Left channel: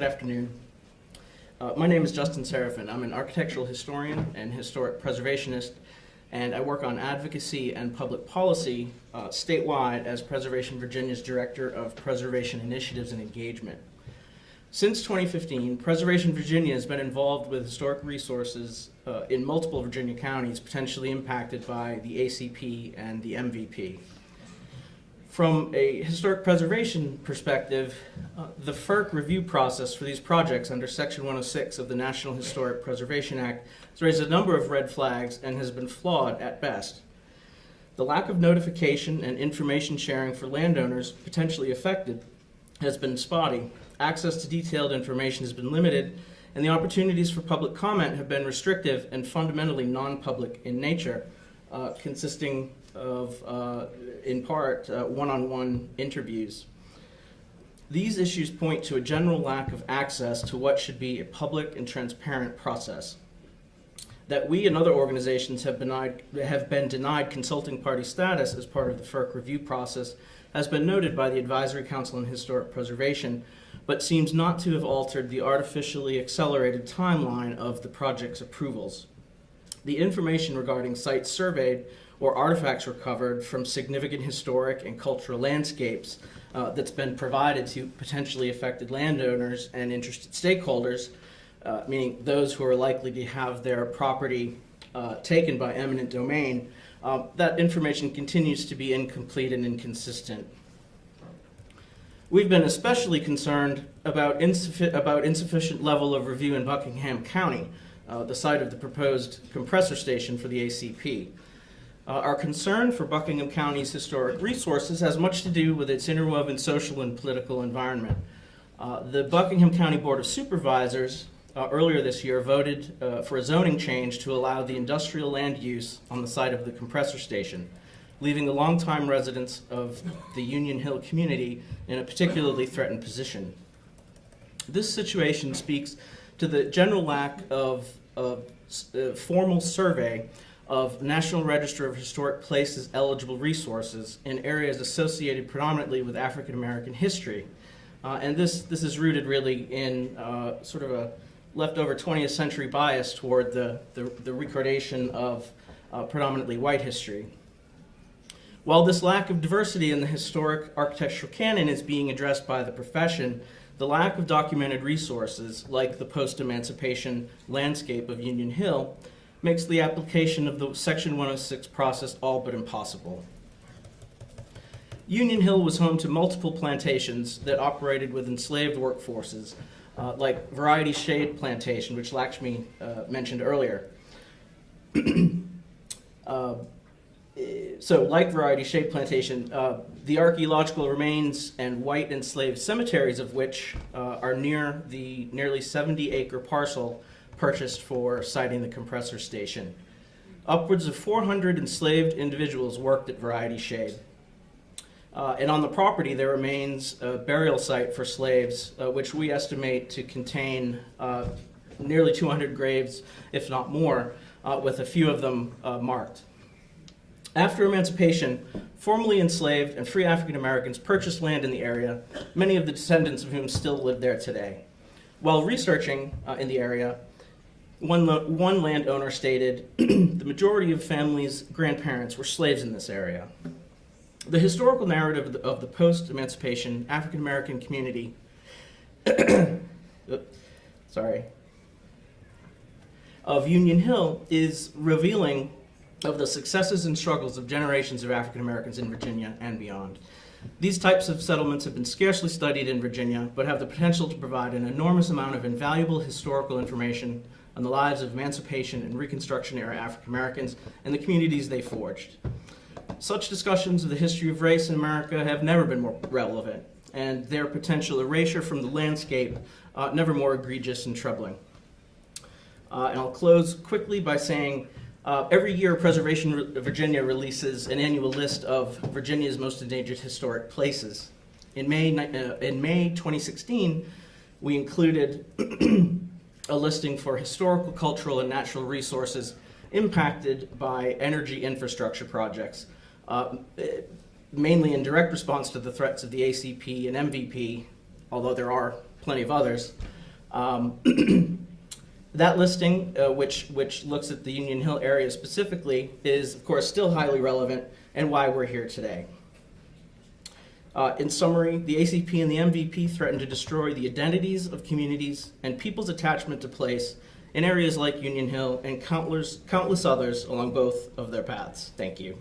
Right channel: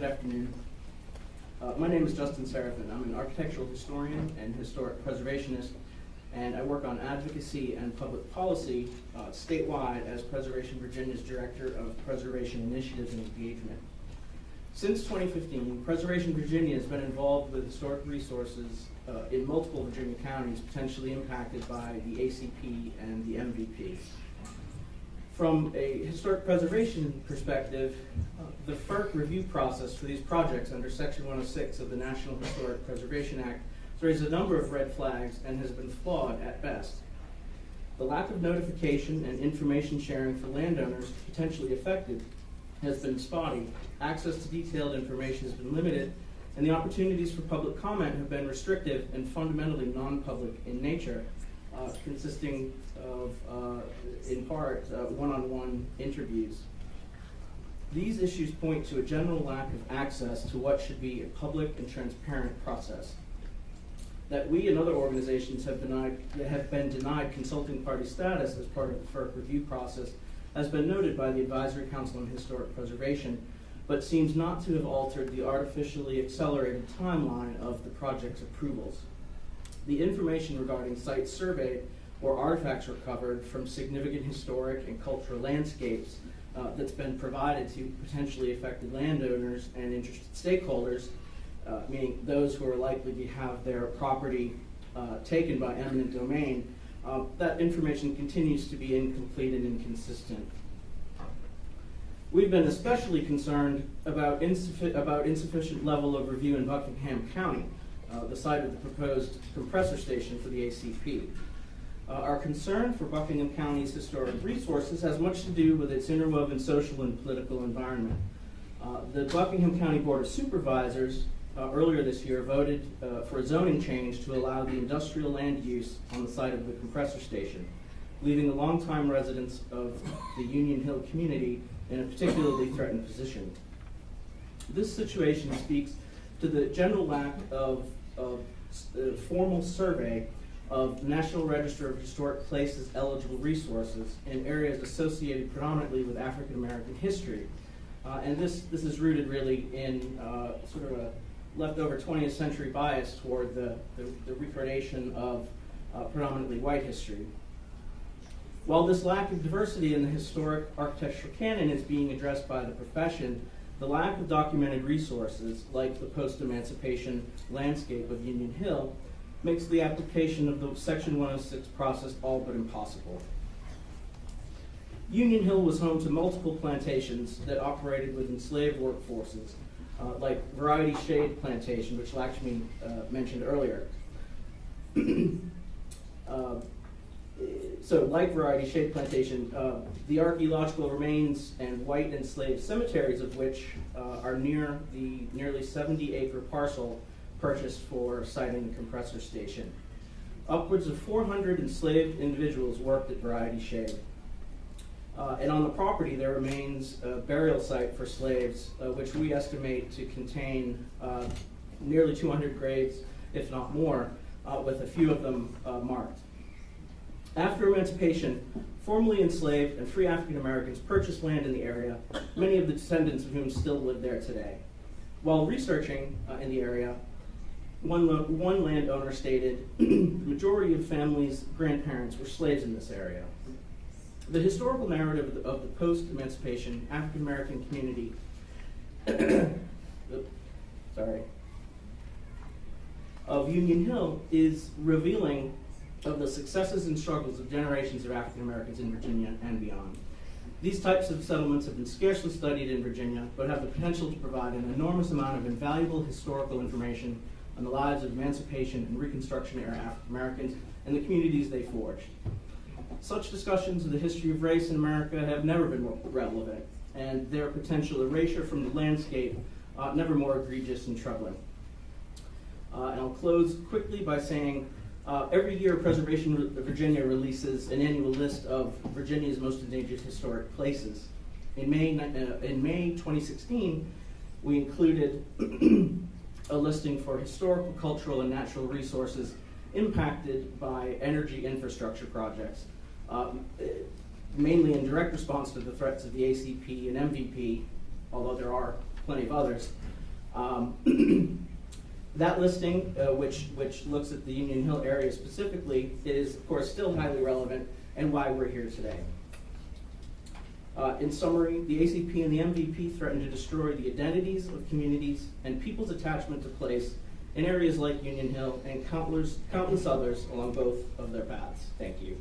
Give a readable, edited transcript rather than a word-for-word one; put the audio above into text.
Good afternoon. My name is Justin Sarafin. I'm an architectural historian and historic preservationist, and I work on advocacy and public policy statewide as Preservation Virginia's Director of Preservation Initiatives and Engagement. Since 2015, Preservation Virginia has been involved with historic resources in multiple Virginia counties potentially impacted by the ACP and the MVP. From a historic preservation perspective, the FERC review process for these projects under Section 106 of the National Historic Preservation Act has raised a number of red flags and has been flawed at best. The lack of notification and information sharing for landowners potentially affected has been spotty. Access to detailed information has been limited, and the opportunities for public comment have been restrictive and fundamentally non-public in nature, consisting of, in part, one-on-one interviews. These issues point to a general lack of access to what should be a public and transparent process. That we and other organizations have been denied consulting party status as part of the FERC review process has been noted by the Advisory Council on Historic Preservation, but seems not to have altered the artificially accelerated timeline of the project's approvals. The information regarding sites surveyed or artifacts recovered from significant historic and cultural landscapes that's been provided to potentially affected landowners and interested stakeholders, meaning those who are likely to have their property taken by eminent domain, that information continues to be incomplete and inconsistent. We've been especially concerned about insufficient level of review in Buckingham County, the site of the proposed compressor station for the ACP. Our concern for Buckingham County's historic resources has much to do with its interwoven social and political environment. The Buckingham County Board of Supervisors earlier this year voted for a zoning change to allow the industrial land use on the site of the compressor station, leaving the longtime residents of the Union Hill community in a particularly threatened position. This situation speaks to the general lack of formal survey of the National Register of Historic Places eligible resources in areas associated predominantly with African American history. And this is rooted really in sort of a leftover 20th century bias toward the recordation of predominantly white history. While this lack of diversity in the historic architectural canon is being addressed by the profession, the lack of documented resources, like the post-emancipation landscape of Union Hill, makes the application of the Section 106 process all but impossible. Union Hill was home to multiple plantations that operated with enslaved workforces, like Variety Shade Plantation, which Lakshmi mentioned earlier. So like Variety Shade Plantation, the archaeological remains and white enslaved cemeteries of which are near the nearly 70-acre parcel purchased for siting the compressor station. Upwards of 400 enslaved individuals worked at Variety Shade. And on the property there remains a burial site for slaves, which we estimate to contain nearly 200 graves, if not more, with a few of them marked. After emancipation, formerly enslaved and free African Americans purchased land in the area, many of the descendants of whom still live there today. While researching in the area, one landowner stated, the majority of families' grandparents were slaves in this area. The historical narrative of the post-emancipation African American community of Union Hill is revealing of the successes and struggles of generations of African Americans in Virginia and beyond. These types of settlements have been scarcely studied in Virginia, but have the potential to provide an enormous amount of invaluable historical information on the lives of emancipation and Reconstruction era African Americans and the communities they forged. Such discussions of the history of race in America have never been more relevant, and their potential erasure from the landscape never more egregious and troubling. And I'll close quickly by saying every year Preservation Virginia releases an annual list of Virginia's most endangered historic places. In May 2016, we included a listing for historical, cultural, and natural resources impacted by energy infrastructure projects, mainly in direct response to the threats of the ACP and MVP, although there are plenty of others. That listing, which looks at the Union Hill area specifically, is of course still highly relevant and why we're here today. In summary, the ACP and the MVP threaten to destroy the identities of communities and people's attachment to place in areas like Union Hill and countless others along both of their paths. Thank you.